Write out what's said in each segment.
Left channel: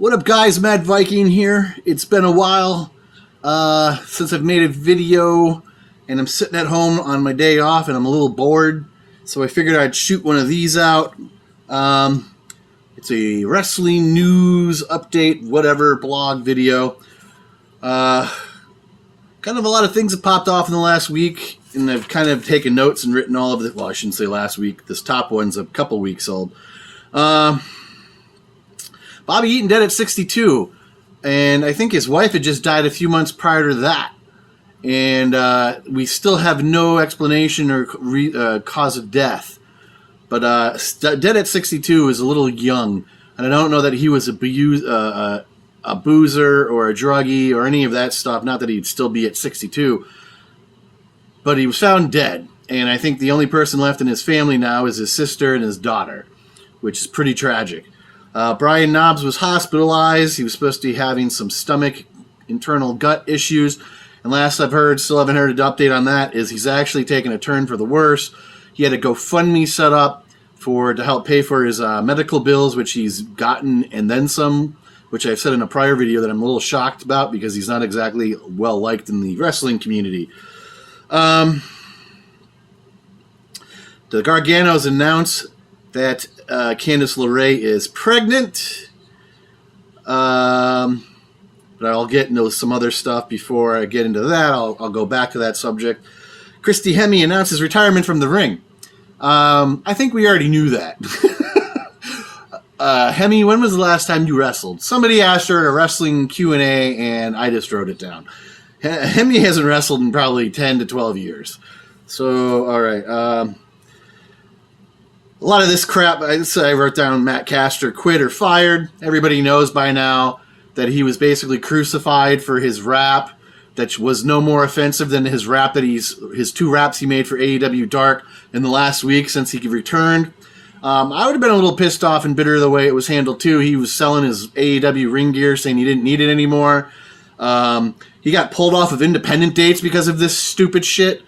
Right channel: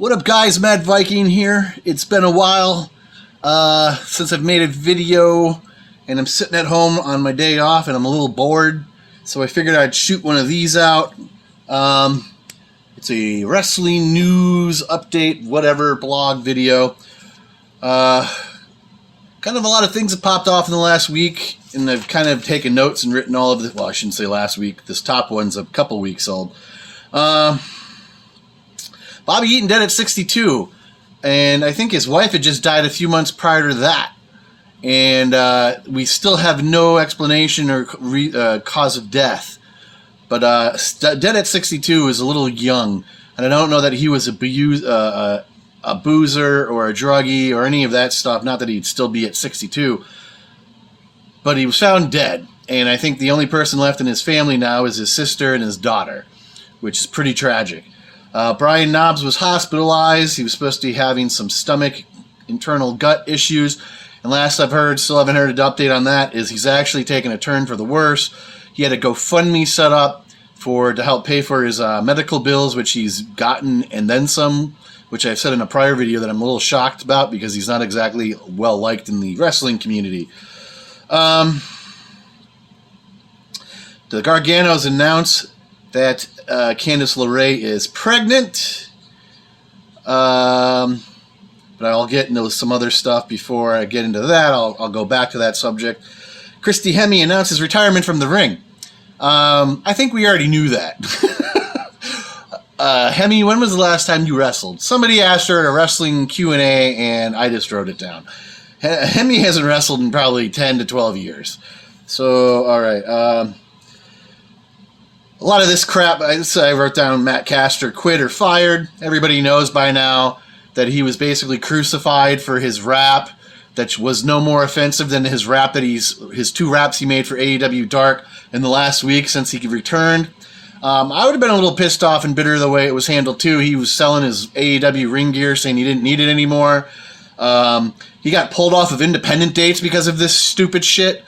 What up, guys? Mad Viking here. It's been a while since I've made a video, and I'm sitting at home on my day off, and I'm a little bored, so I figured I'd shoot one of these out. It's a wrestling news update, whatever, blog video. Kind of a lot of things have popped off in the last week, and I've kind of taken notes and written all of it. Well, I shouldn't say last week. This top one's a couple weeks old. Bobby Eaton dead at 62, and I think his wife had just died a few months prior to that. And we still have no explanation or cause of death. But dead at 62 is a little young, and I don't know that he was a boozer or a druggie or any of that stuff. Not that he'd still be at 62, but he was found dead. And I think the only person left in his family now is his sister and his daughter, which is pretty tragic. Brian Knobbs was hospitalized. He was supposed to be having some stomach, internal gut issues. And last I've heard, still haven't heard an update on that, is he's actually taken a turn for the worse. He had a GoFundMe set up to help pay for his medical bills, which he's gotten, and then some, which I've said in a prior video that I'm a little shocked about because he's not exactly well liked in the wrestling community. The Garganos announced that Candice LeRae is pregnant. But I'll get into some other stuff before I get into that. I'll go back to that subject. Christy Hemi announced his retirement from the ring. I think we already knew that. Hemi, when was the last time you wrestled? Somebody asked her at a wrestling Q&A, and I just wrote it down. Hemi hasn't wrestled in probably 10 to 12 years. So, all right. A lot of this crap, I wrote down Matt Caster quit or fired. Everybody knows by now that he was basically crucified for his rap that was no more offensive than his rap that his two raps he made for AEW Dark in the last week since he returned. I would have been a little pissed off and bitter the way it was handled too. He was selling his AEW ring gear, saying he didn't need it anymore. He got pulled off of independent dates because of this stupid shit.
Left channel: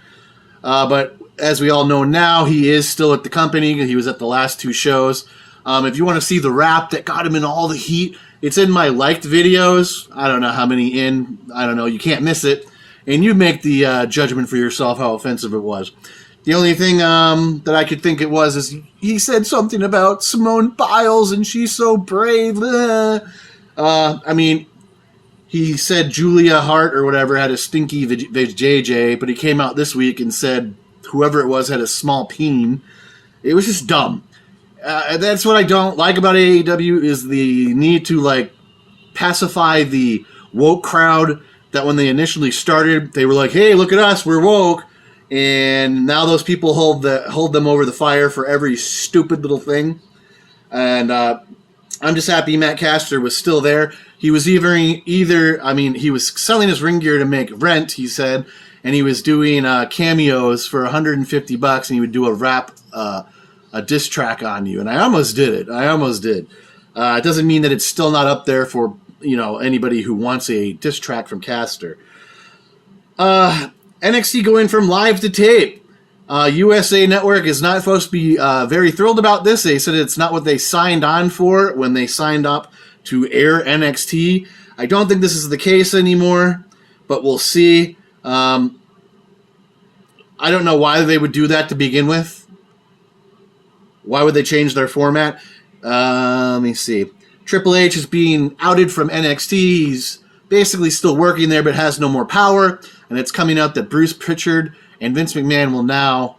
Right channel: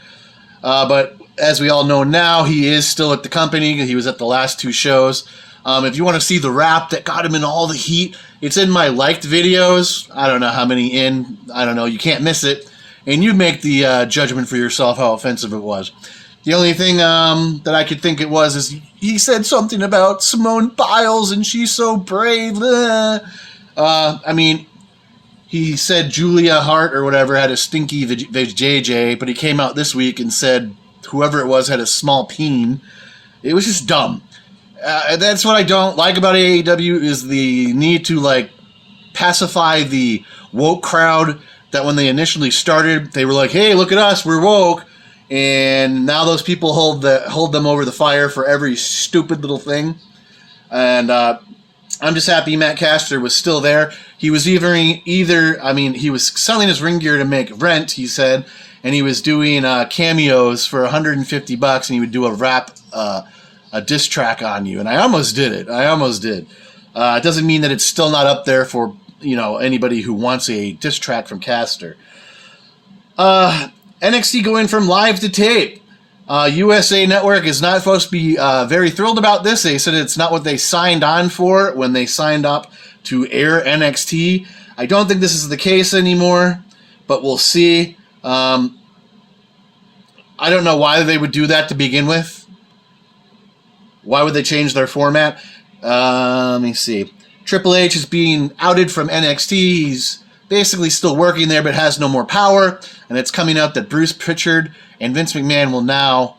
But as we all know now, he is still at the company. He was at the last two shows. If you want to see the rap that got him in all the heat, it's in my liked videos. I don't know how many in. I don't know. You can't miss it. And you make the judgment for yourself how offensive it was. The only thing that I could think it was is he said something about Simone Biles and she's so brave. I mean, he said Julia Hart or whatever had a stinky JJ, but he came out this week and said whoever it was had a small peen. It was just dumb. That's what I don't like about AEW is the need to pacify the woke crowd that when they initially started, they were like, hey, look at us, we're woke. And now those people hold them over the fire for every stupid little thing. And I'm just happy Matt Caster was still there. He was he was selling his ring gear to make rent, he said, and he was doing cameos for $150, and he would do a rap, a diss track on you. And I almost did it. It doesn't mean that it's still not up there for anybody who wants a diss track from Caster. NXT going from live to tape. USA Network is not supposed to be very thrilled about this. They said it's not what they signed on for when they signed up to air NXT. I don't think this is the case anymore, but we'll see. I don't know why they would do that to begin with. Why would they change their format? Let me see. Triple H is being outed from NXT. He's basically still working there but has no more power. And it's coming out that Bruce Pritchard and Vince McMahon will now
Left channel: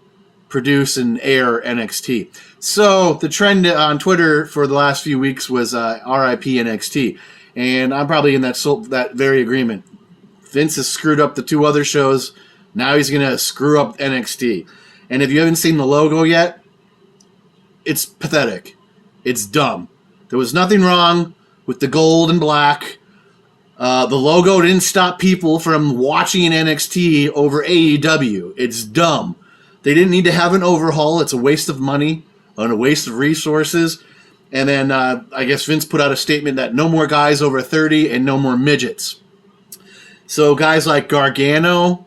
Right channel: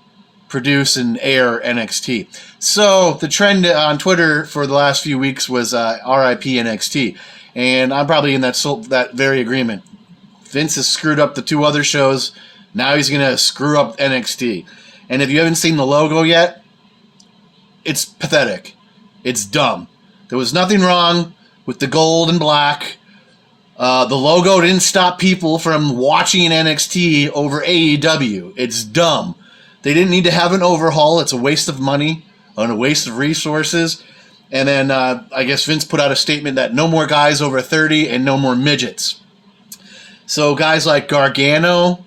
produce and air NXT. So the trend on Twitter for the last few weeks was RIP NXT. And I'm probably in that very agreement. Vince has screwed up the two other shows. Now he's going to screw up NXT. And if you haven't seen the logo yet, it's pathetic. It's dumb. There was nothing wrong with the gold and black. The logo didn't stop people from watching NXT over AEW. It's dumb. They didn't need to have an overhaul. It's a waste of money and a waste of resources. And then I guess Vince put out a statement that no more guys over 30 and no more midgets. So guys like Gargano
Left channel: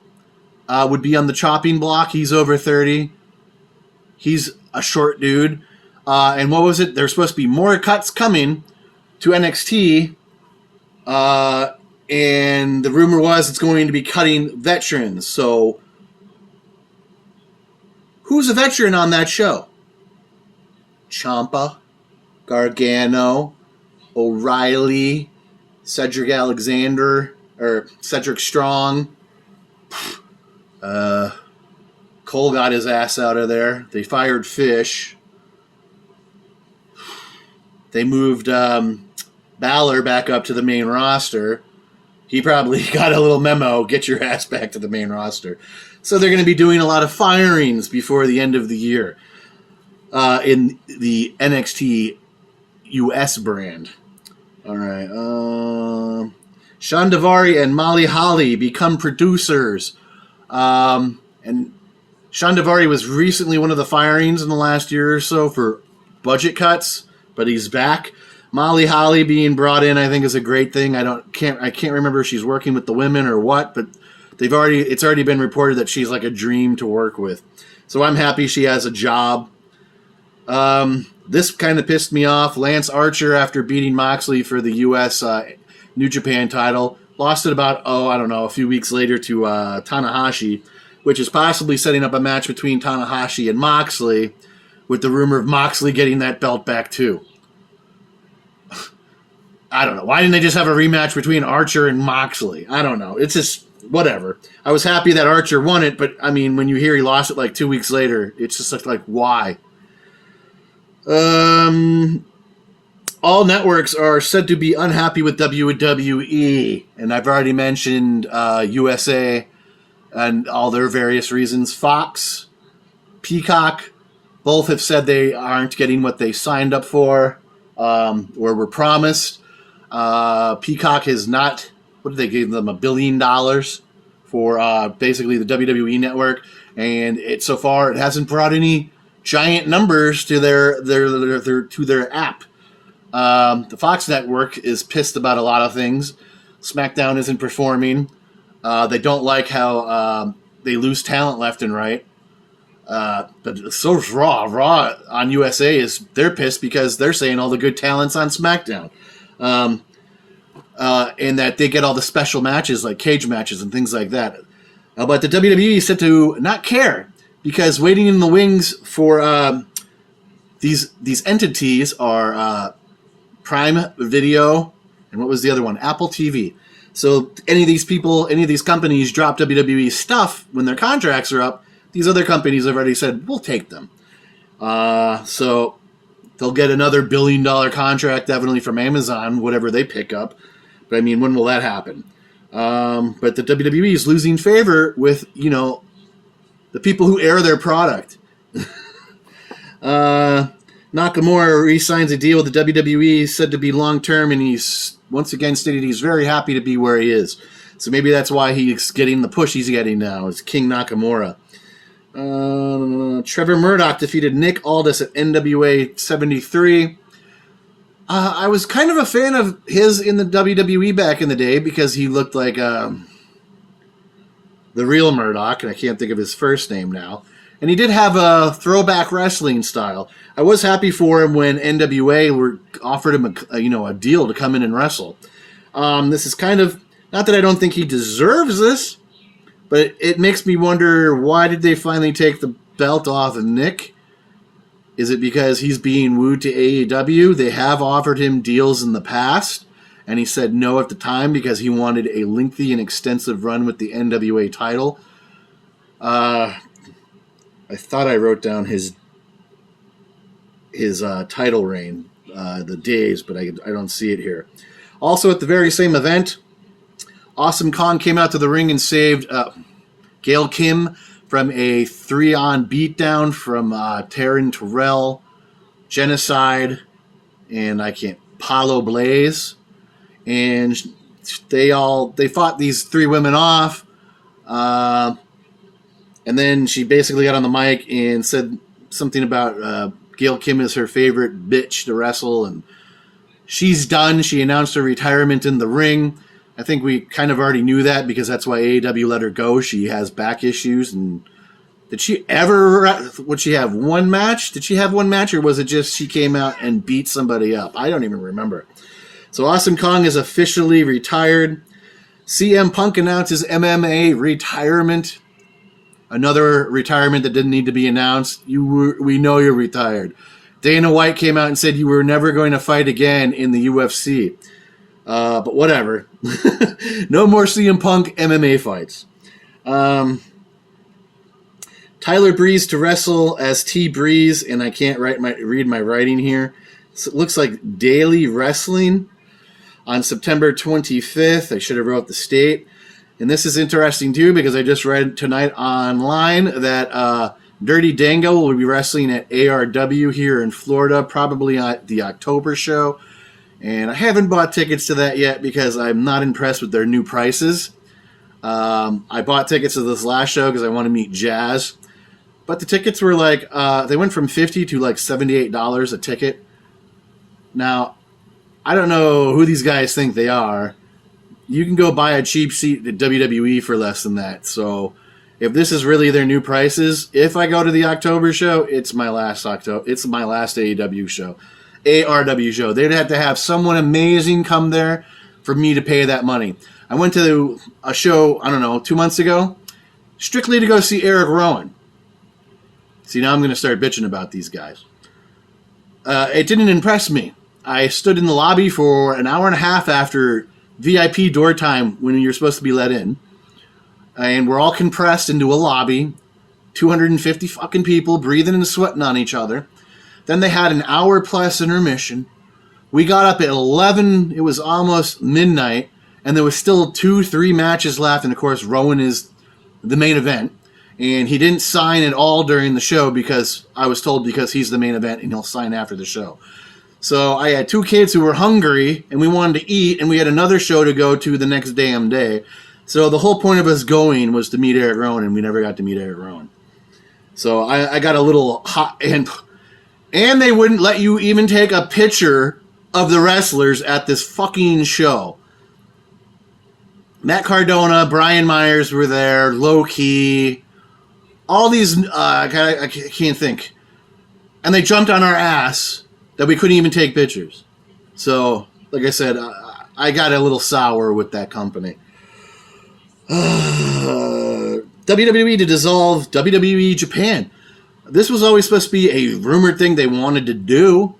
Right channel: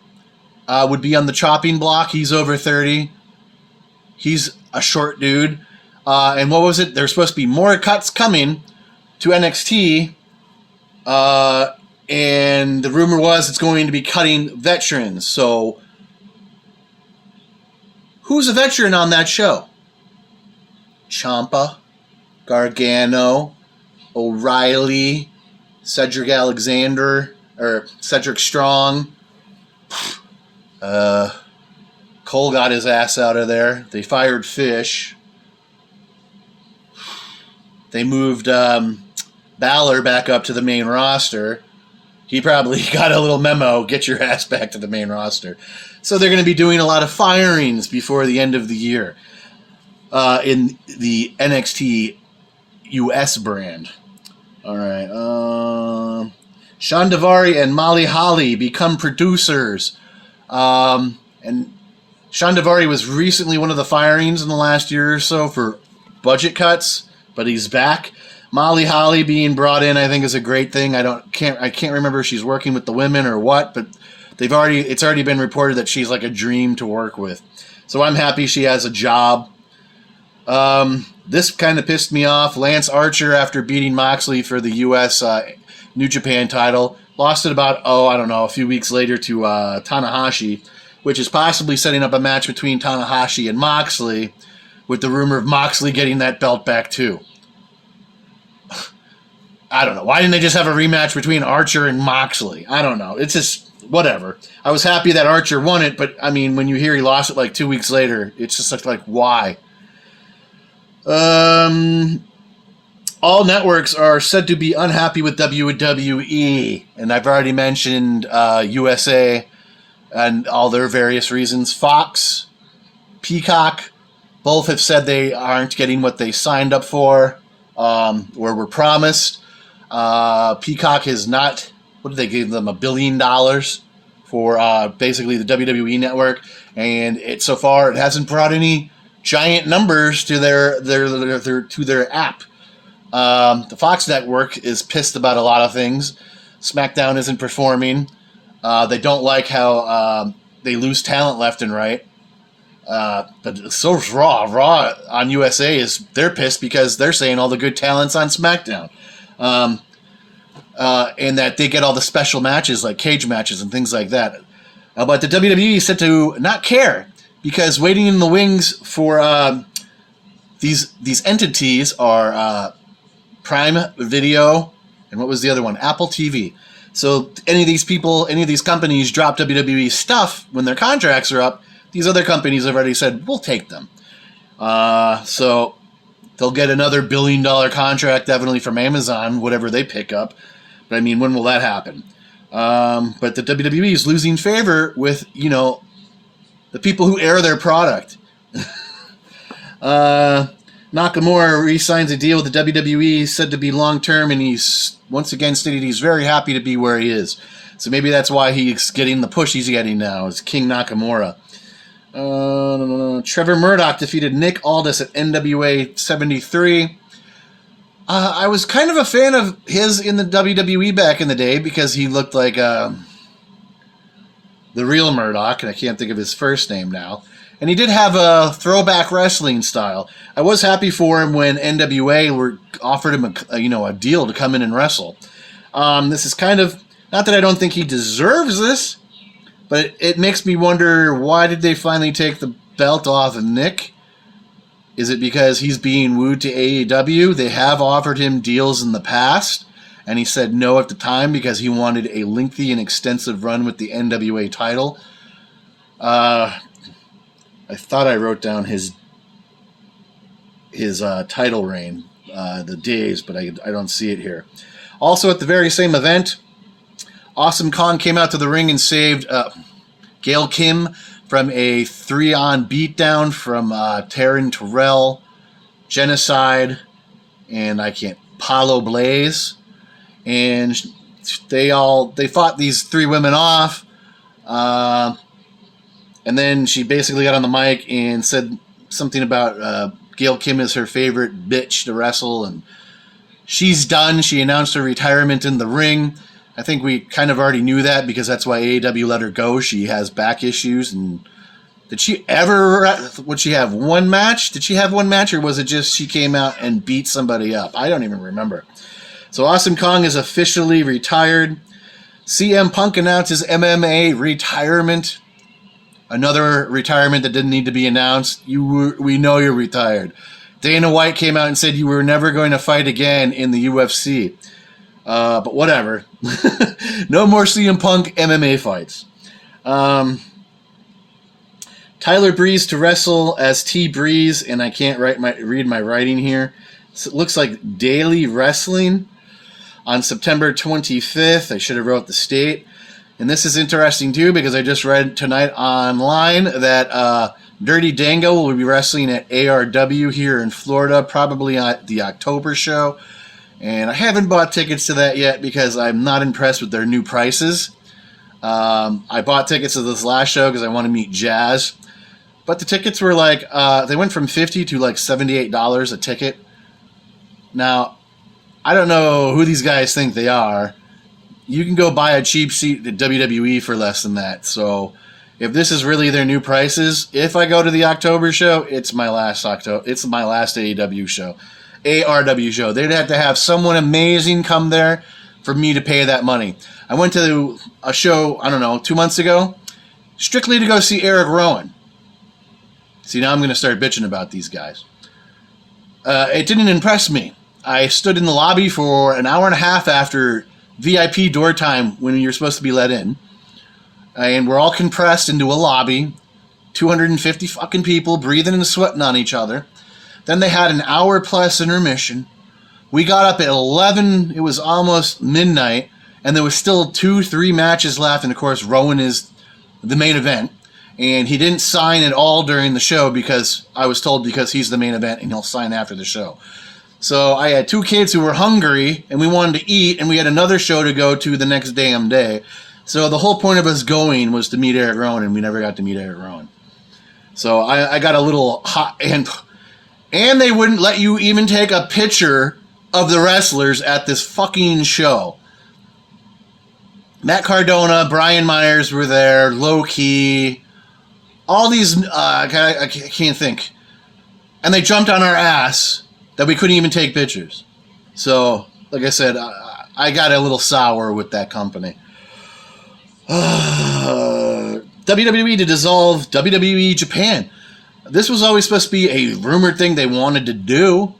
would be on the chopping block. He's over 30. He's a short dude. And what was it? There's supposed to be more cuts coming to NXT, and the rumor was it's going to be cutting veterans. So, who's a veteran on that show? Ciampa, Gargano, O'Reilly, Cedric Alexander, or Cedric Strong. Cole got his ass out of there. They fired Fish. They moved Balor back up to the main roster. He probably got a little memo, get your ass back to the main roster. So they're going to be doing a lot of firings before the end of the year in the NXT US brand. All right. Sean Daivari and Molly Holly become producers. And Sean Daivari was recently one of the firings in the last year or so for budget cuts, but he's back. Molly Holly being brought in, I think, is a great thing. I can't remember if she's working with the women or what, but it's already been reported that she's like a dream to work with. So I'm happy she has a job. This kind of pissed me off. Lance Archer, after beating Moxley for the U.S. New Japan title, lost it about, a few weeks later to Tanahashi, which is possibly setting up a match between Tanahashi and Moxley, with the rumor of Moxley getting that belt back too. I don't know. Why didn't they just have a rematch between Archer and Moxley? I don't know. It's just, whatever. I was happy that Archer won it, but, I mean, when you hear he lost it like 2 weeks later, it's just like, why? All networks are said to be unhappy with WWE, and I've already mentioned USA and all their various reasons. Fox, Peacock, both have said they aren't getting what they signed up for or were promised. Peacock has not, what did they give them, $1 billion for basically the WWE network, and so far it hasn't brought any giant numbers to their app. The Fox network is pissed about a lot of things. SmackDown isn't performing. They don't like how they lose talent left and right. But so is Raw. Raw on USA they're pissed because they're saying all the good talent's on SmackDown. And that they get all the special matches like cage matches and things like that. But the WWE said to not care, because waiting in the wings for these entities are Prime Video, and what was the other one? Apple TV. So any of these companies drop WWE stuff when their contracts are up, these other companies have already said, we'll take them. So they'll get another $1 billion contract definitely from Amazon, whatever they pick up. But I mean, when will that happen? But the WWE is losing favor with, the people who air their product. Nakamura re-signs a deal with the WWE, said to be long-term, and he's once again stated he's very happy to be where he is. So maybe that's why he's getting the push he's getting now, is King Nakamura. Trevor Murdoch defeated Nick Aldis at NWA 73. I was kind of a fan of his in the WWE back in the day because he looked like the real Murdoch, and I can't think of his first name now. And he did have a throwback wrestling style. I was happy for him when NWA offered him a deal to come in and wrestle. This is kind of, not that I don't think he deserves this, but it makes me wonder, why did they finally take the belt off of Nick? Is it because he's being wooed to AEW? They have offered him deals in the past, and he said no at the time because he wanted a lengthy and extensive run with the NWA title. I thought I wrote down his title reign, the days, but I don't see it here. Also, at the very same event, Awesome Kong came out to the ring and saved Gail Kim from a 3-on beatdown from Taryn Terrell, Genocide, and Paulo Blaze. And they fought these 3 women off. And then she basically got on the mic and said something about Gail Kim is her favorite bitch to wrestle, and she's done. She announced her retirement in the ring. I think we kind of already knew that because that's why AEW let her go. She has back issues. And would she have one match? Did she have one match, or was it just she came out and beat somebody up? I don't even remember. So Awesome Kong is officially retired. CM Punk announces MMA retirement. Another retirement that didn't need to be announced. We know you're retired. Dana White came out and said you were never going to fight again in the UFC. But whatever. No more CM Punk MMA fights. Tyler Breeze to wrestle as T Breeze, and I can't read my writing here. So it looks like Daily Wrestling on September 25th. I should have wrote the state. And this is interesting too because I just read tonight online that Dirty Dango will be wrestling at ARW here in Florida, probably at the October show. And I haven't bought tickets to that yet because I'm not impressed with their new prices. I bought tickets to this last show because I want to meet Jazz. But the tickets were like, they went from $50 to like $78 a ticket. Now, I don't know who these guys think they are. You can go buy a cheap seat at WWE for less than that. So if this is really their new prices, if I go to the October show, it's my last AEW show. ARW show. They'd have to have someone amazing come there for me to pay that money. I went to a show, 2 months ago, strictly to go see Eric Rowan. See, now I'm going to start bitching about these guys. It didn't impress me. I stood in the lobby for an hour and a half after VIP door time when you're supposed to be let in. And we're all compressed into a lobby. 250 fucking people breathing and sweating on each other. Then they had an hour plus intermission. We got up at 11. It was almost midnight. And there was still 2-3 matches left. And of course, Rowan is the main event. And he didn't sign at all during the show because I was told because he's the main event and he'll sign after the show. So I had 2 kids who were hungry and we wanted to eat and we had another show to go to the next damn day. So the whole point of us going was to meet Eric Rowan and we never got to meet Eric Rowan. So I got a little hot and they wouldn't let you even take a picture of the wrestlers at this fucking show. Matt Cardona, Brian Myers were there, Low Key, all these, I can't think. And they jumped on our ass that we couldn't even take pictures. So, like I said, I got a little sour with that company. WWE to dissolve WWE Japan. This was always supposed to be a rumored thing they wanted to do.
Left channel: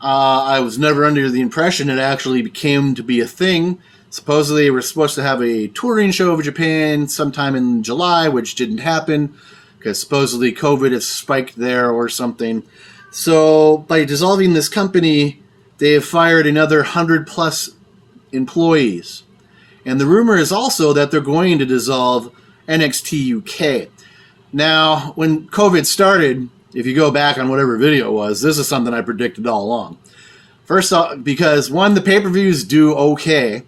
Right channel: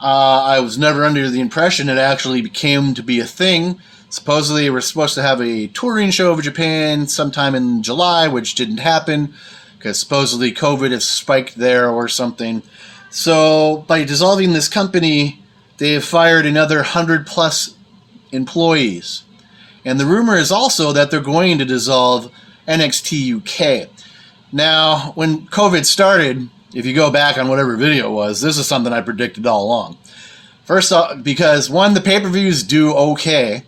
I was never under the impression it actually came to be a thing. Supposedly, they were supposed to have a touring show of Japan sometime in July, which didn't happen because supposedly COVID has spiked there or something. So, by dissolving this company, they have fired another 100+ employees. And the rumor is also that they're going to dissolve NXT UK. Now, when COVID started, if you go back on whatever video it was, this is something I predicted all along. First off, because one, the pay-per-views do okay,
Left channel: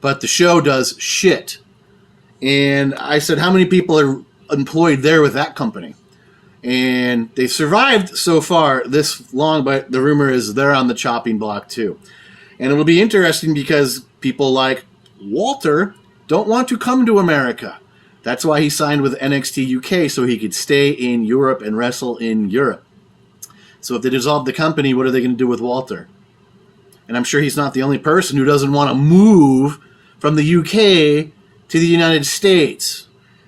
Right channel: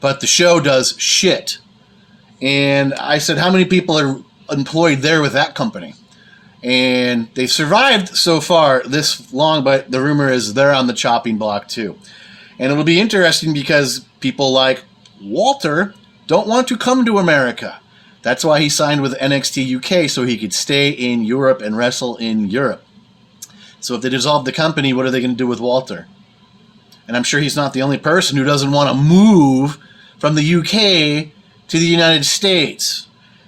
but the show does shit. And I said, how many people are employed there with that company? And they've survived so far this long, but the rumor is they're on the chopping block too. And it'll be interesting because people like Walter don't want to come to America. That's why he signed with NXT UK, so he could stay in Europe and wrestle in Europe. So if they dissolve the company, what are they going to do with Walter? And I'm sure he's not the only person who doesn't want to move from the UK to the United States.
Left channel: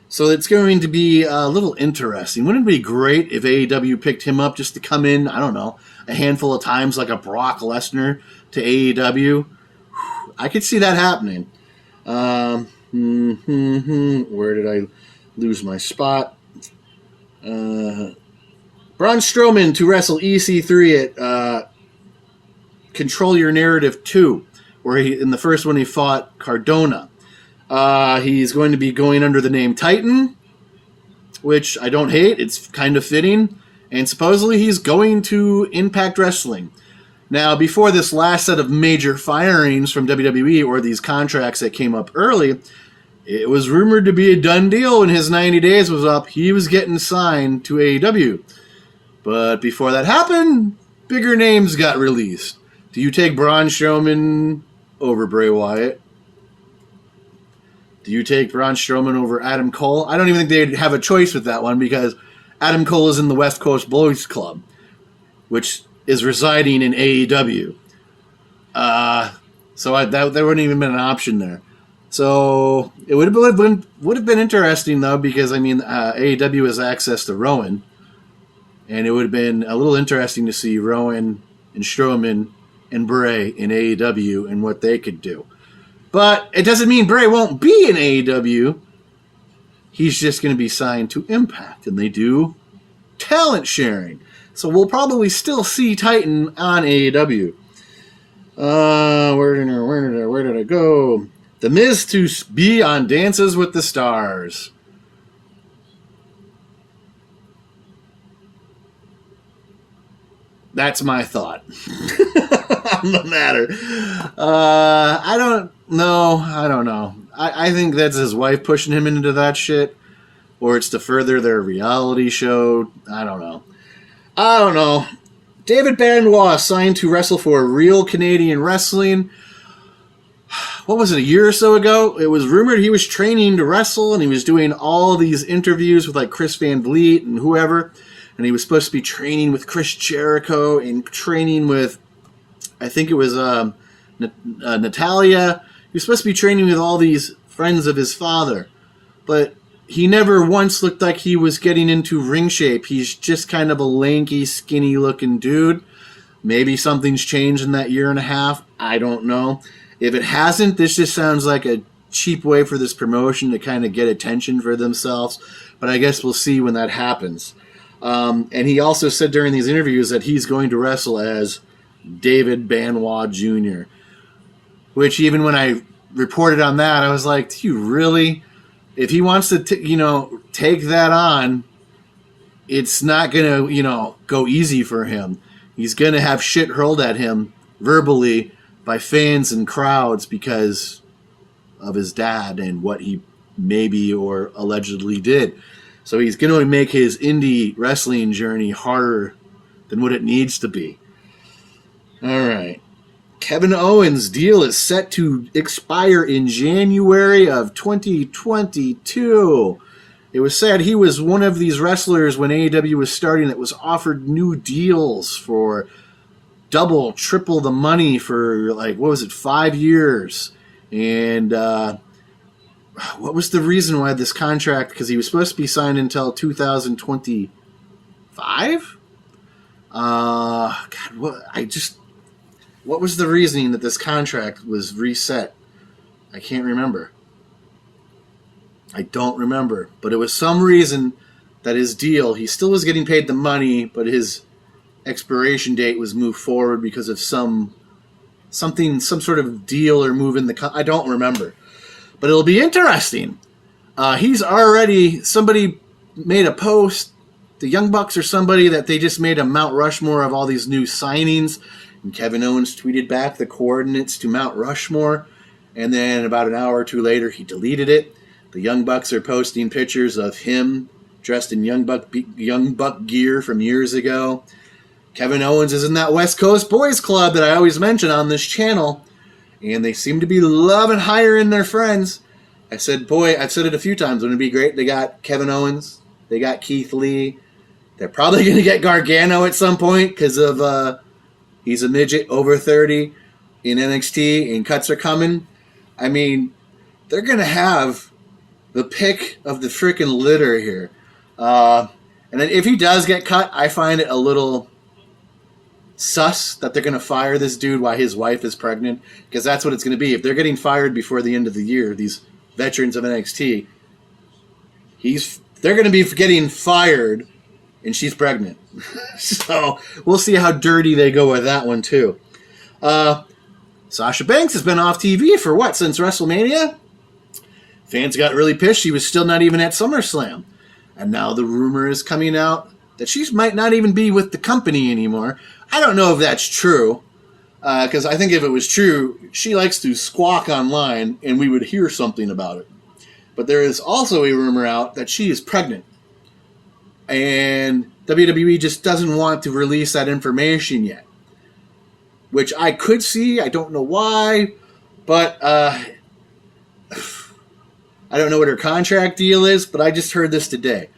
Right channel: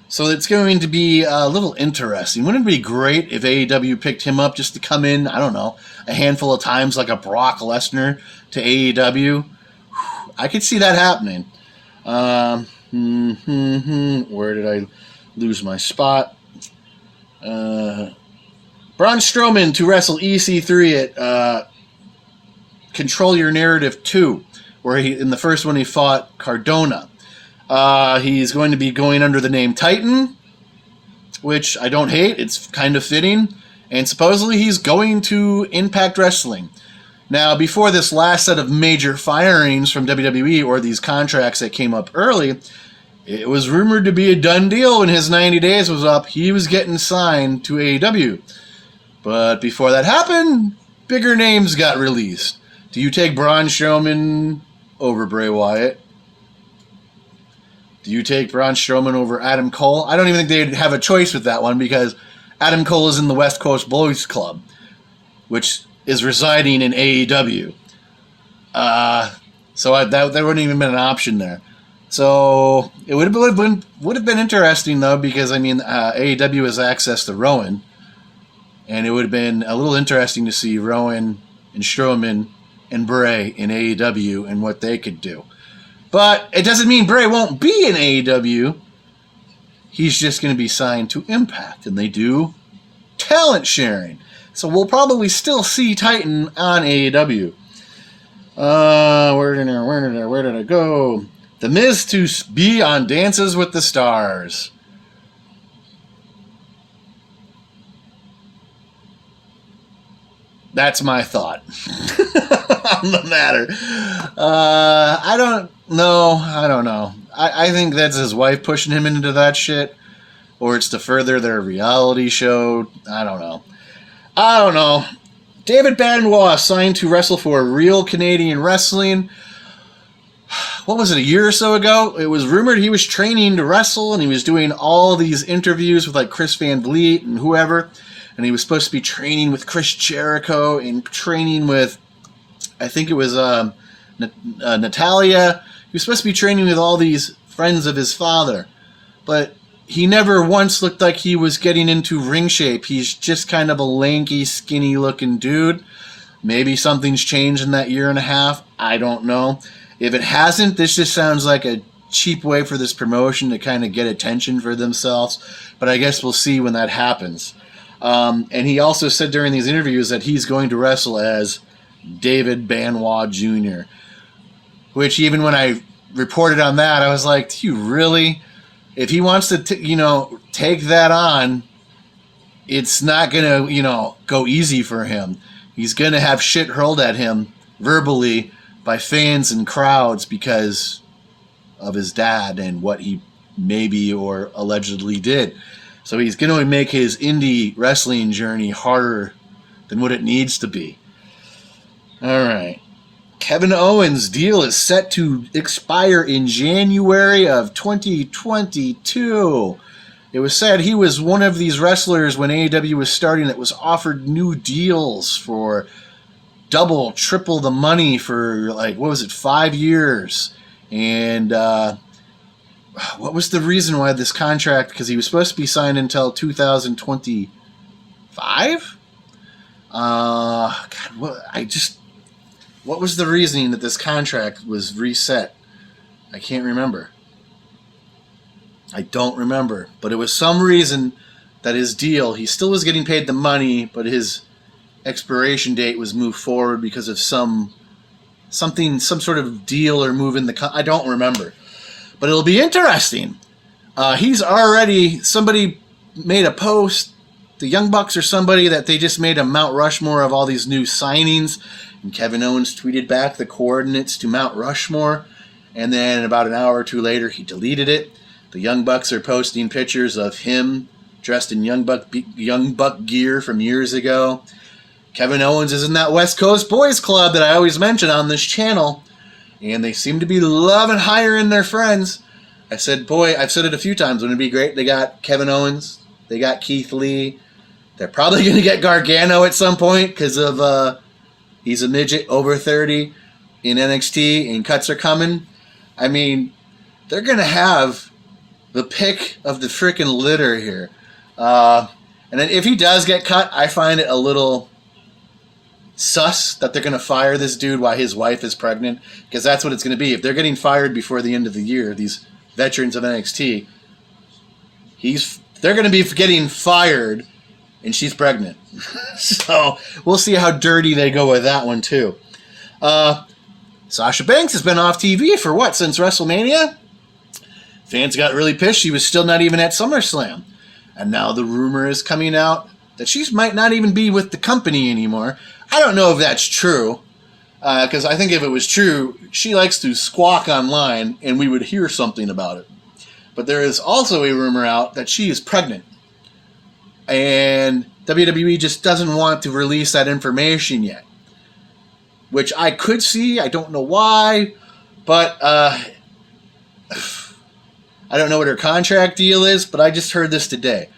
So it's going to be a little interesting. Wouldn't it be great if AEW picked him up just to come in, I don't know, a handful of times like a Brock Lesnar to AEW? I could see that happening. Where did I lose my spot? Braun Strowman to wrestle EC3 at Control Your Narrative 2, where in the first one he fought Cardona. He's going to be going under the name Titan, which I don't hate. It's kind of fitting. And supposedly he's going to Impact Wrestling. Now, before this last set of major firings from WWE or these contracts that came up early, it was rumored to be a done deal when his 90 days was up. He was getting signed to AEW. But before that happened, bigger names got released. Do you take Braun Strowman over Bray Wyatt? Do you take Braun Strowman over Adam Cole? I don't even think they'd have a choice with that one because Adam Cole is in the West Coast Boys Club, which is residing in AEW. That there wouldn't even been an option there. So it would have been interesting though, because I mean AEW has access to Rowan, and it would have been a little interesting to see Rowan and Strowman and Bray in AEW and what they could do. But it doesn't mean Bray won't be in AEW. He's just going to be signed to Impact, and they do talent sharing. So we'll probably still see Titan on AEW. Where did it go? The Miz to be on Dances with the Stars. That's my thought on the matter. I don't know. I think that's his wife pushing him into that shit, or it's to further their reality show. I don't know. David Benoit signed to wrestle for Real Canadian Wrestling. What was it, a year or so ago? It was rumored he was training to wrestle, and he was doing all these interviews with like Chris Van Vliet and whoever. And he was supposed to be training with Chris Jericho and training with, I think it was Natalia. He was supposed to be training with all these friends of his father. But he never once looked like he was getting into ring shape. He's just kind of a lanky, skinny-looking dude. Maybe something's changed in that year and a half. I don't know. If it hasn't, this just sounds like a cheap way for this promotion to kind of get attention for themselves. But I guess we'll see when that happens. And he also said during these interviews that he's going to wrestle as David Benoit Jr., which even when I reported on that, I was like, do you really? If he wants to, take that on, it's not going to, go easy for him. He's going to have shit hurled at him verbally by fans and crowds because of his dad and what he maybe or allegedly did. So he's going to make his indie wrestling journey harder than what it needs to be. All right. Kevin Owens' deal is set to expire in January of 2022. It was said he was one of these wrestlers when AEW was starting that was offered new deals for double, triple the money for 5 years. And what was the reason why this contract, because he was supposed to be signed until 2025? What was the reasoning that this contract was reset? I can't remember. I don't remember. But it was some reason that his deal, he still was getting paid the money, but his expiration date was moved forward because of some sort of deal or move in the... I don't remember. But it'll be interesting. Somebody made a post, the Young Bucks or somebody, that they just made a Mount Rushmore of all these new signings. And Kevin Owens tweeted back the coordinates to Mount Rushmore. And then about an hour or two later, he deleted it. The Young Bucks are posting pictures of him dressed in Young Buck gear from years ago. Kevin Owens is in that West Coast Boys Club that I always mention on this channel. And they seem to be loving hiring their friends. I've said it a few times. Wouldn't it be great? They got Kevin Owens. They got Keith Lee. They're probably going to get Gargano at some point because of he's a midget over 30 in NXT and cuts are coming. I mean, they're going to have the pick of the freaking litter here. And then if he does get cut, I find it a little sus that they're going to fire this dude while his wife is pregnant, because that's what it's going to be. If they're getting fired before the end of the year, these veterans of NXT, they're going to be getting fired and she's pregnant. So we'll see how dirty they go with that one too. Sasha Banks has been off TV for since WrestleMania? Fans got really pissed she was still not even at SummerSlam. And now the rumor is coming out that she might not even be with the company anymore. I don't know if that's true, because I think if it was true, she likes to squawk online and we would hear something about it. But there is also a rumor out that she is pregnant. And WWE just doesn't want to release that information yet. Which I could see, I don't know why, but I don't know what her contract deal is, but I just heard this today.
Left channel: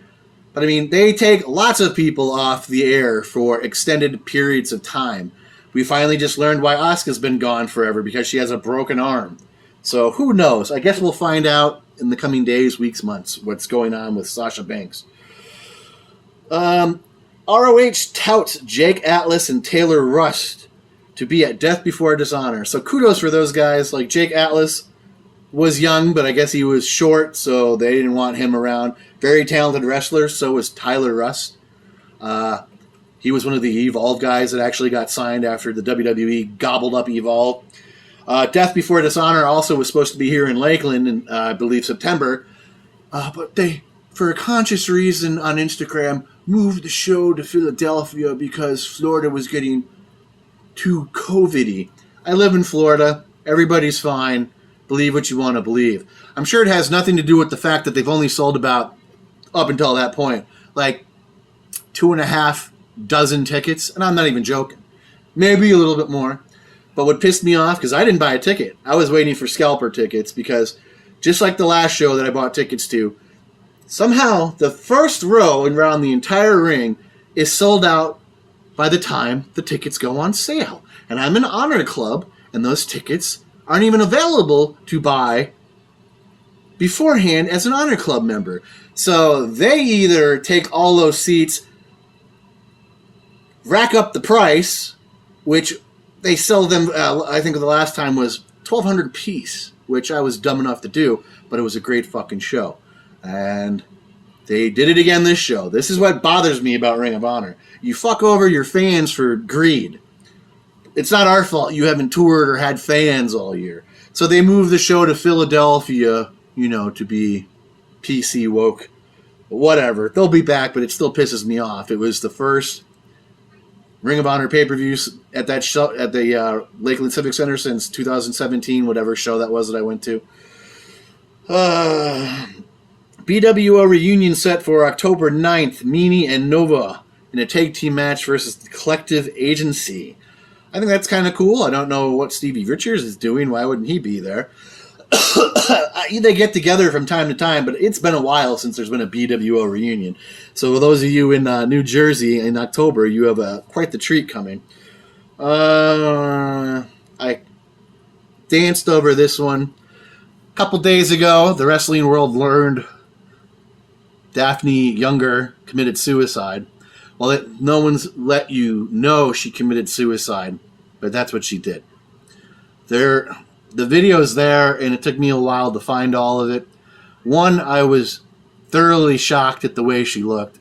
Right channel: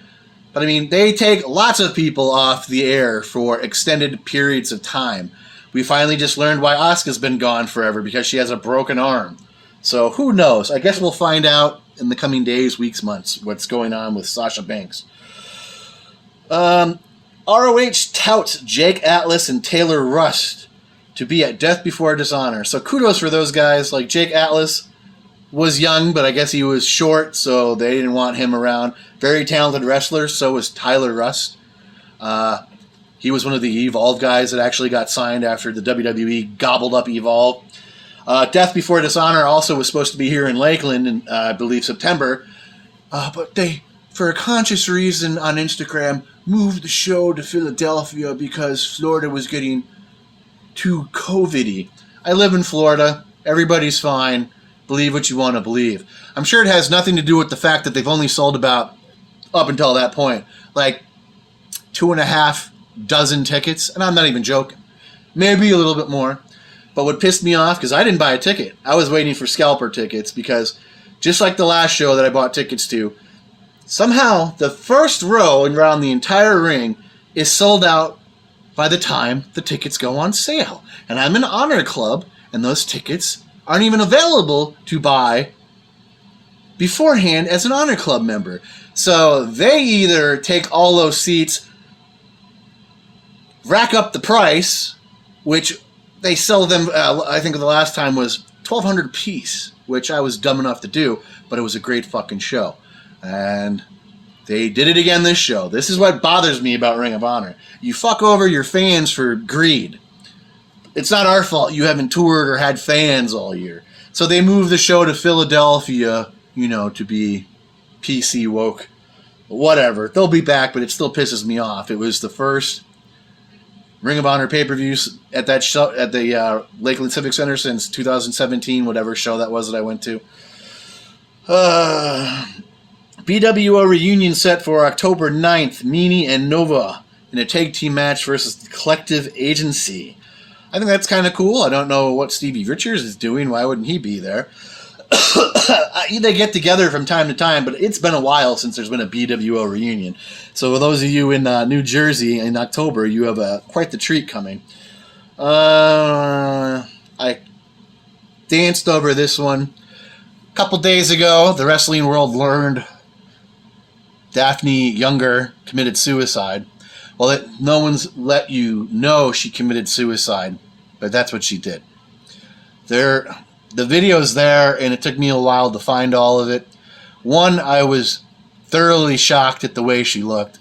But I mean, they take lots of people off the air for extended periods of time. we finally just learned why Asuka's been gone forever, because she has a broken arm. So who knows? I guess we'll find out in the coming days, weeks, months, what's going on with Sasha Banks. ROH touts Jake Atlas and Taylor Rust to be at Death Before Dishonor. So kudos for those guys. Like, Jake Atlas was young, but I guess he was short, so they didn't want him around. Very talented wrestler, so was Tyler Rust. He was one of the Evolve guys that actually got signed after the WWE gobbled up Evolve. Death Before Dishonor also was supposed to be here in Lakeland in, I believe, September. But they, for a conscious reason on Instagram, moved the show to Philadelphia because Florida was getting too COVID-y. I live in Florida. Everybody's fine. Believe what you want to believe. I'm sure it has nothing to do with the fact that they've only sold about, up until that point, like 2.5 dozen tickets. And I'm not even joking. Maybe a little bit more. But what pissed me off, because I didn't buy a ticket. I was waiting for scalper tickets because just like the last show that I bought tickets to, somehow the first row around the entire ring is sold out by the time the tickets go on sale. And I'm in Honor Club, and those tickets aren't even available to buy beforehand as an Honor Club member. So they either take all those seats, rack up the price, which they sell them, I think the last time was $1,200 a piece, which I was dumb enough to do, but it was a great fucking show. And they did it again this show. This is what bothers me about Ring of Honor. You fuck over your fans for greed. It's not our fault you haven't toured or had fans all year. So they moved the show to Philadelphia, you know, to be PC woke. Whatever. They'll be back, but it still pisses me off. It was the first Ring of Honor pay-per-views at that show at the Lakeland Civic Center since 2017, whatever show that was that I went to. BWO Reunion set for October 9th, Meanie and Nova in a tag team match versus the Collective Agency. I think that's kind of cool. I don't know what Stevie Richards is doing. Why wouldn't he be there? They get together from time to time, but it's been a while since there's been a BWO reunion. So for those of you in New Jersey in October, you have quite the treat coming. I danced over this one. A couple days ago, the wrestling world learned Daffeny Younger committed suicide. Well, no one's let you know she committed suicide, but that's what she did. The video's there, and it took me a while to find all of it. One, I was thoroughly shocked at the way she looked.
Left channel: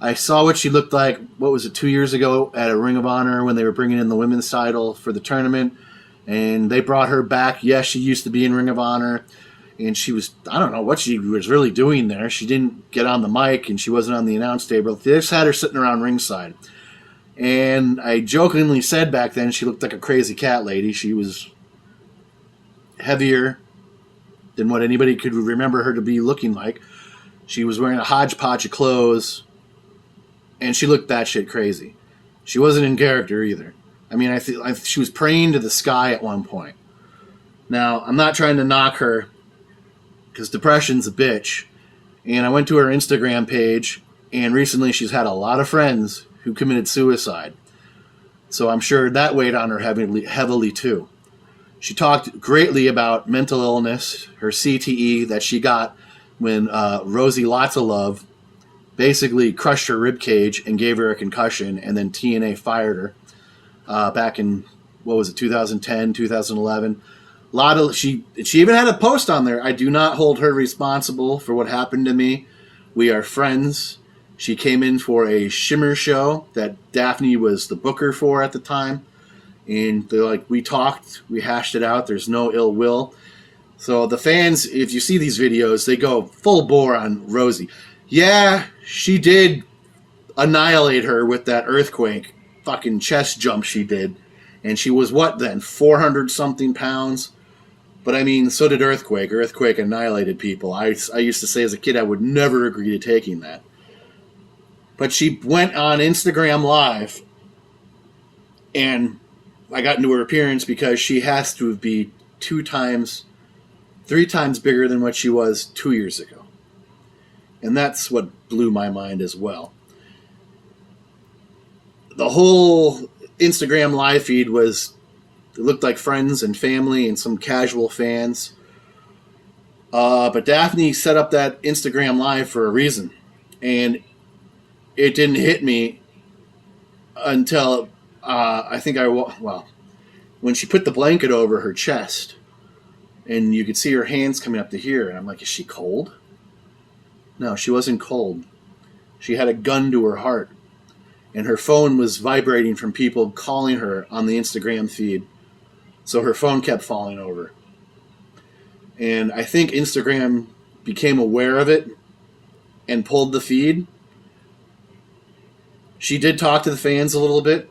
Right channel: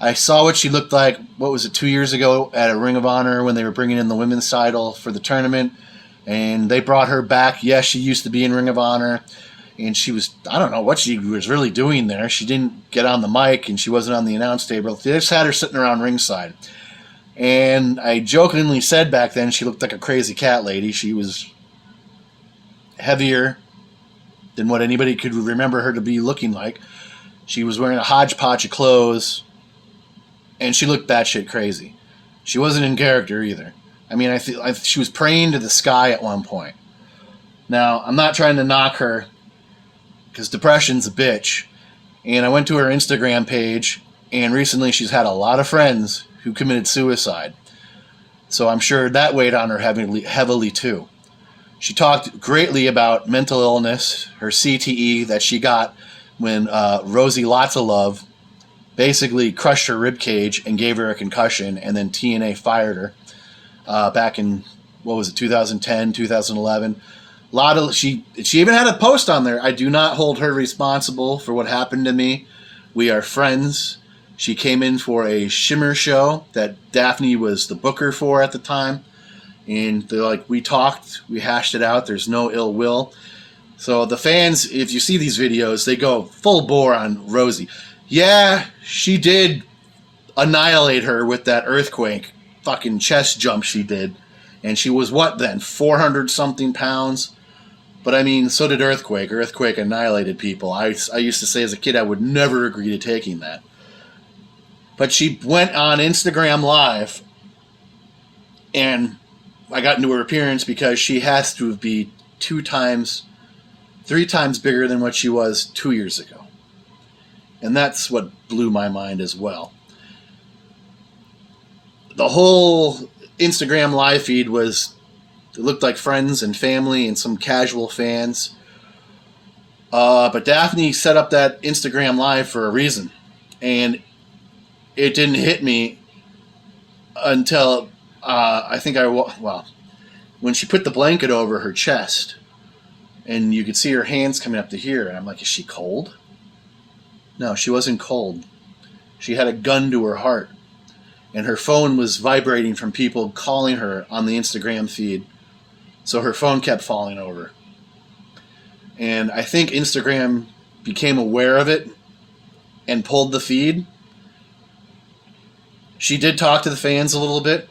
I saw what she looked like, 2 years ago at a Ring of Honor when they were bringing in the women's title for the tournament, and they brought her back. Yes, she used to be in Ring of Honor, and she was, I don't know what she was really doing there. She didn't get on the mic, and she wasn't on the announce table. They just had her sitting around ringside. And I jokingly said back then she looked like a crazy cat lady. She was heavier than what anybody could remember her to be looking like. She was wearing a hodgepodge of clothes, and she looked batshit crazy. She wasn't in character either. I mean, she was praying to the sky at one point. Now, I'm not trying to knock her, because depression's a bitch. And I went to her Instagram page, and recently she's had a lot of friends who committed suicide. So I'm sure that weighed on her heavily too. She talked greatly about mental illness, her CTE that she got when Rosie Lots of Love basically crushed her ribcage and gave her a concussion, and then TNA fired her back in, 2010, 2011. She even had a post on there. I do not hold her responsible for what happened to me. We are friends. She came in for a Shimmer show that Daffeny was the booker for at the time. And they're like, we talked, we hashed it out, there's no ill will. So the fans, if you see these videos, they go full bore on Rosie. Yeah, she did annihilate her with that earthquake fucking chest jump she did. And she was what then, 400 something pounds? But I mean, so did Earthquake. Earthquake annihilated people. I used to say as a kid I would never agree to taking that. But she went on Instagram Live, and I got into her appearance because she has to be 3 times bigger than what she was 2 years ago. And that's what blew my mind as well. The whole Instagram live feed was, it looked like friends and family and some casual fans. But Daffeny set up that Instagram live for a reason. And it didn't hit me until I think when she put the blanket over her chest and you could see her hands coming up to here. And I'm like, is she cold? No, she wasn't cold. She had a gun to her heart. And her phone was vibrating from people calling her on the Instagram feed. So her phone kept falling over. And I think Instagram became aware of it and pulled the feed. She did talk to the fans a little bit.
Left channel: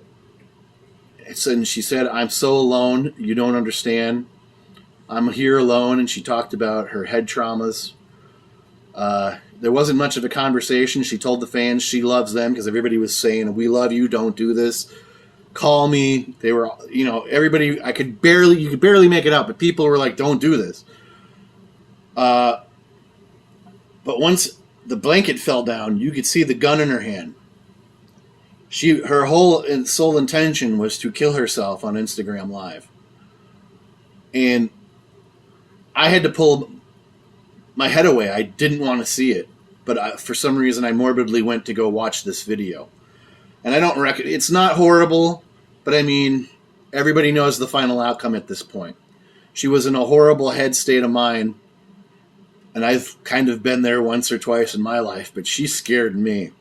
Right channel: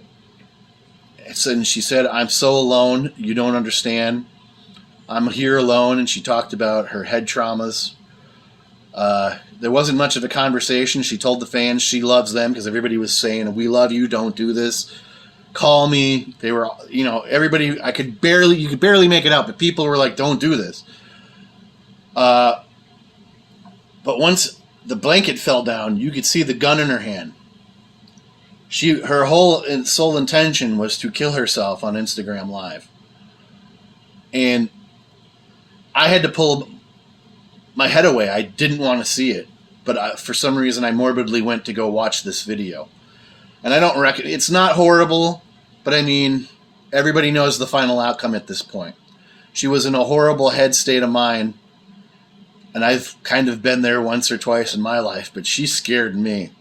And she said, I'm so alone, you don't understand. I'm here alone. And she talked about her head traumas. There wasn't much of a conversation. She told the fans she loves them because everybody was saying, we love you, don't do this. Call me. They were, everybody, you could barely make it out, but people were like, don't do this. But once the blanket fell down, you could see the gun in her hand. Her whole sole intention was to kill herself on Instagram Live. And I had to pull my head away. I didn't want to see it. But for some reason, I morbidly went to go watch this video. And I don't reckon it's not horrible, but I mean, everybody knows the final outcome at this point. She was in a horrible head state of mind. And I've kind of been there once or twice in my life, but she scared me.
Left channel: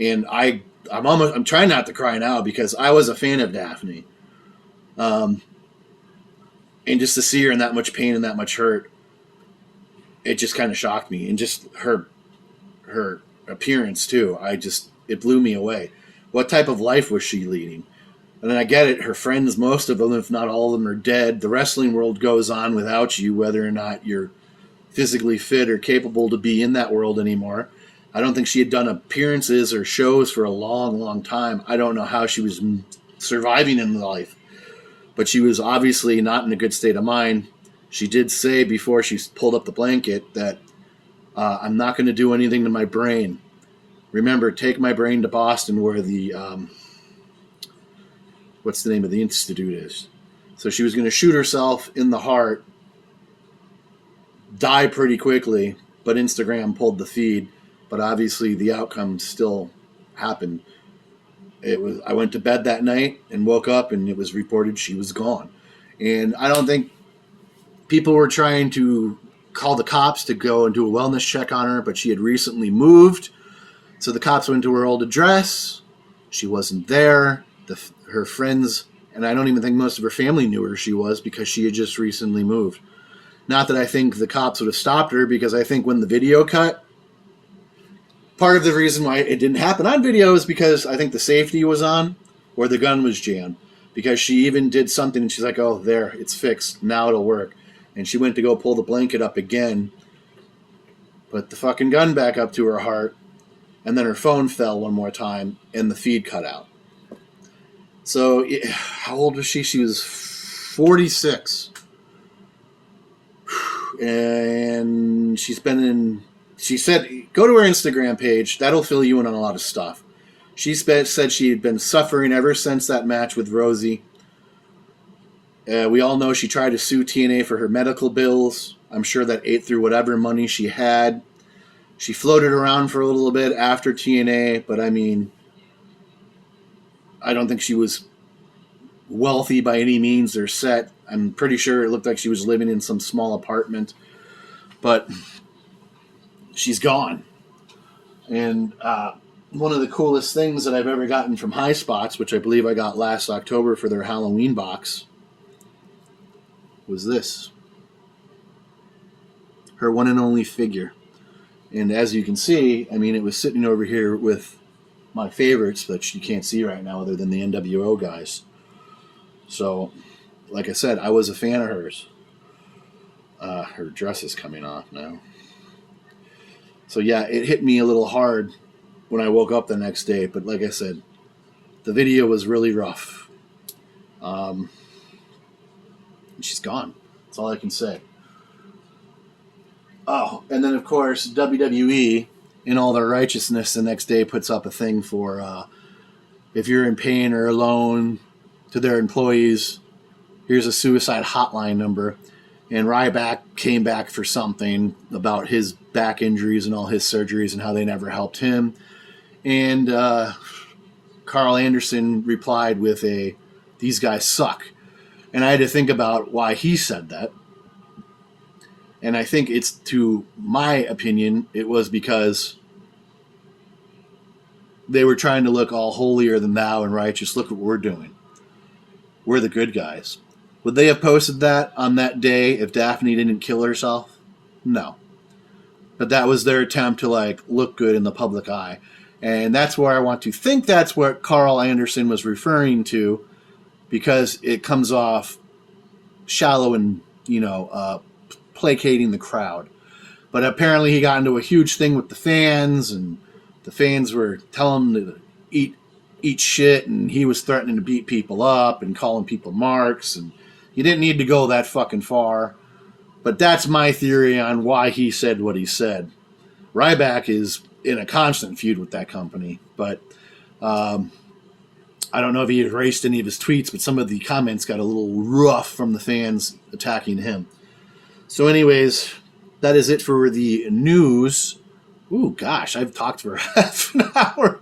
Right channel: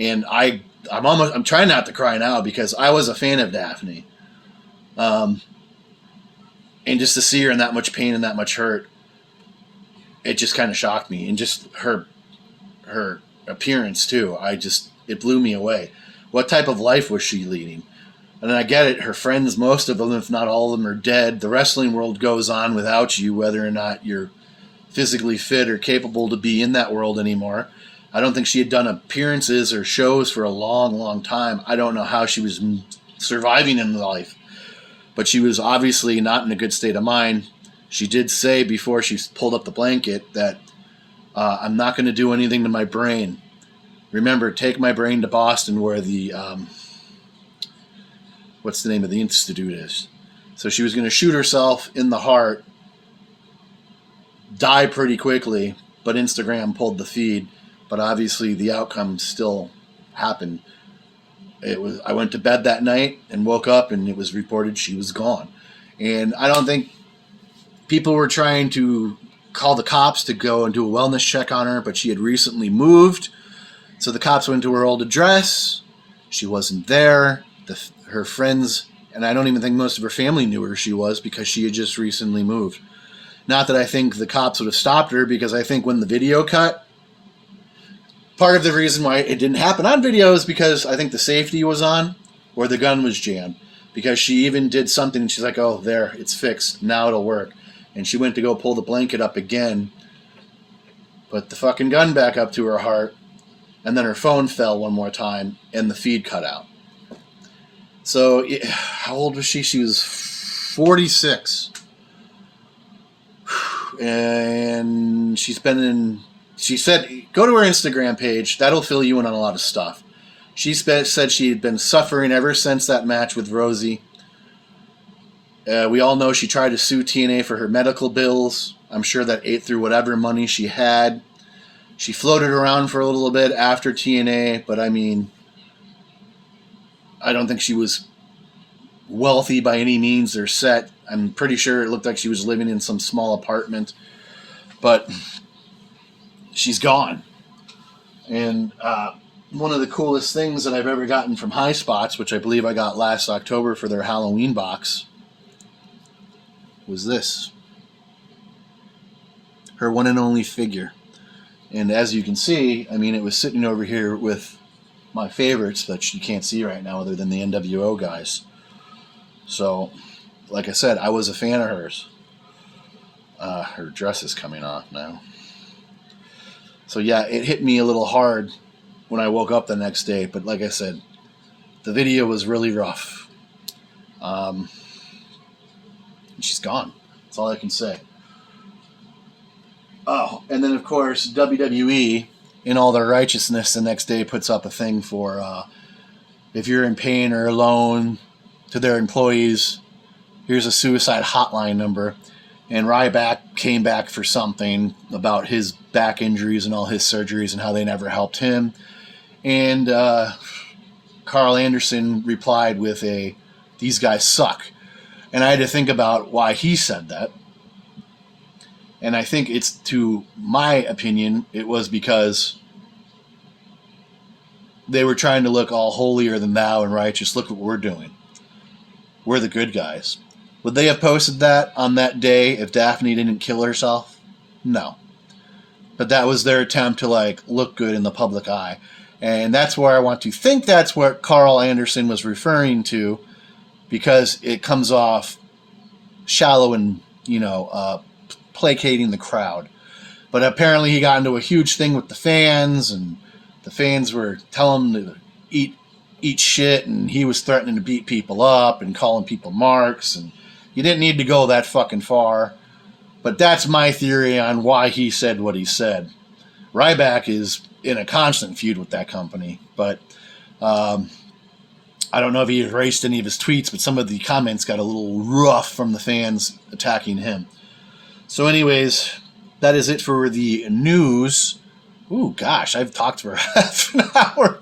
And I'm trying not to cry now because I was a fan of Daffeny. And just to see her in that much pain and that much hurt, it just kind of shocked me. And just her appearance too. It blew me away. What type of life was she leading? And I get it. Her friends, most of them, if not all of them, are dead. The wrestling world goes on without you, whether or not you're physically fit or capable to be in that world anymore. I don't think she had done appearances or shows for a long, long time. I don't know how she was surviving in life. But she was obviously not in a good state of mind. She did say before she pulled up the blanket that I'm not going to do anything to my brain. Remember, take my brain to Boston where the, what's the name of the institute is. So she was going to shoot herself in the heart, die pretty quickly, but Instagram pulled the feed. But obviously the outcome still happened. I went to bed that night and woke up and it was reported she was gone. And I don't think people were trying to call the cops to go and do a wellness check on her, but she had recently moved. So the cops went to her old address. She wasn't there. Her friends, and I don't even think most of her family knew where she was because she had just recently moved. Not that I think the cops would have stopped her, because I think when the video cut, part of the reason why it didn't happen on video is because I think the safety was on or the gun was jammed. Because she even did something and she's like, oh, there, it's fixed. Now it'll work. And she went to go pull the blanket up again, put the fucking gun back up to her heart, and then her phone fell one more time and the feed cut out. So how old was she? She was 46. And she said, go to her Instagram page. That'll fill you in on a lot of stuff. She said she had been suffering ever since that match with Rosie. We all know she tried to sue TNA for her medical bills. I'm sure that ate through whatever money she had. She floated around for a little bit after TNA, but I mean, I don't think she was wealthy by any means or set. I'm pretty sure it looked like she was living in some small apartment, but she's gone. And one of the coolest things that I've ever gotten from High Spots, which I believe I got last October for their Halloween box, was this. Her one and only figure. And as you can see, I mean, it was sitting over here with my favorites that you can't see right now other than the NWO guys. So, like I said, I was a fan of hers. Her dress is coming off now. So yeah, it hit me a little hard when I woke up the next day. But like I said, the video was really rough. And she's gone. That's all I can say. Oh, and then of course, WWE, in all their righteousness, the next day puts up a thing for if you're in pain or alone, to their employees, here's a suicide hotline number. And Ryback came back for something about his back injuries and all his surgeries and how they never helped him. And Carl Anderson replied with these guys suck. And I had to think about why he said that. And I think it's, to my opinion, it was because they were trying to look all holier than thou and righteous. Look what we're doing. We're the good guys. Would they have posted that on that day if Daffeny didn't kill herself? No. But that was their attempt to look good in the public eye. And that's where I want to think that's what Carl Anderson was referring to, because it comes off shallow and, placating the crowd. But apparently he got into a huge thing with the fans, and the fans were telling him to eat shit, and he was threatening to beat people up and calling people marks, and you didn't need to go that fucking far. But that's my theory on why he said what he said. Ryback is in a constant feud with that company, but I don't know if he erased any of his tweets, but some of the comments got a little rough from the fans attacking him. So anyways, that is it for the news. Ooh, gosh, I've talked for half an hour.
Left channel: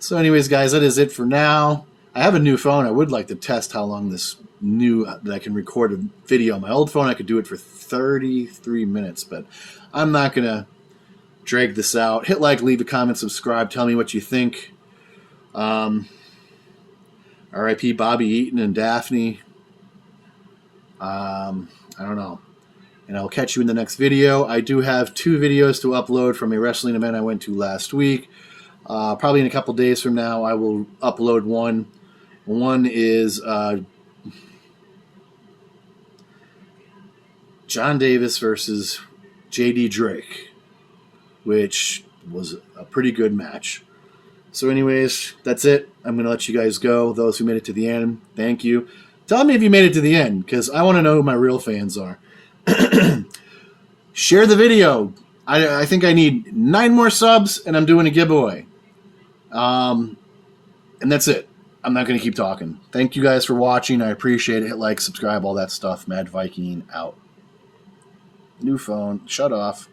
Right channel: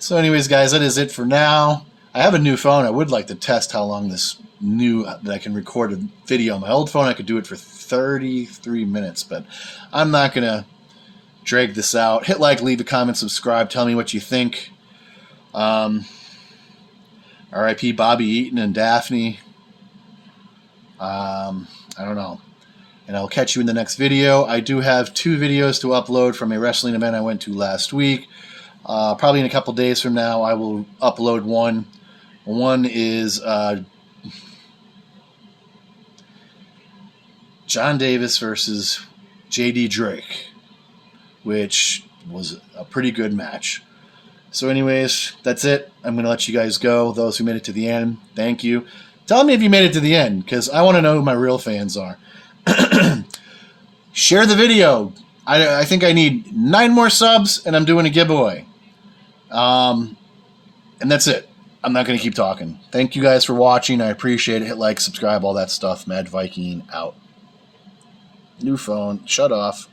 So anyways, guys, that is it for now. I have a new phone. I would like to test how long that I can record a video. On my old phone, I could do it for 33 minutes, but I'm not going to drag this out. Hit like, leave a comment, subscribe, tell me what you think. R.I.P. Bobby Eaton and Daffeny. I don't know. And I'll catch you in the next video. I do have 2 videos to upload from a wrestling event I went to last week. Probably in a couple days from now, I will upload one. One is John Davis versus J.D. Drake, which was a pretty good match. So anyways, that's it. I'm going to let you guys go. Those who made it to the end, thank you. Tell me if you made it to the end, because I want to know who my real fans are. Share the video. I think I need 9 more subs, and I'm doing a giveaway. And that's it. I'm not going to keep talking. Thank you guys for watching. I appreciate it. Hit like, subscribe, all that stuff. Mad Viking out. New phone. Shut off.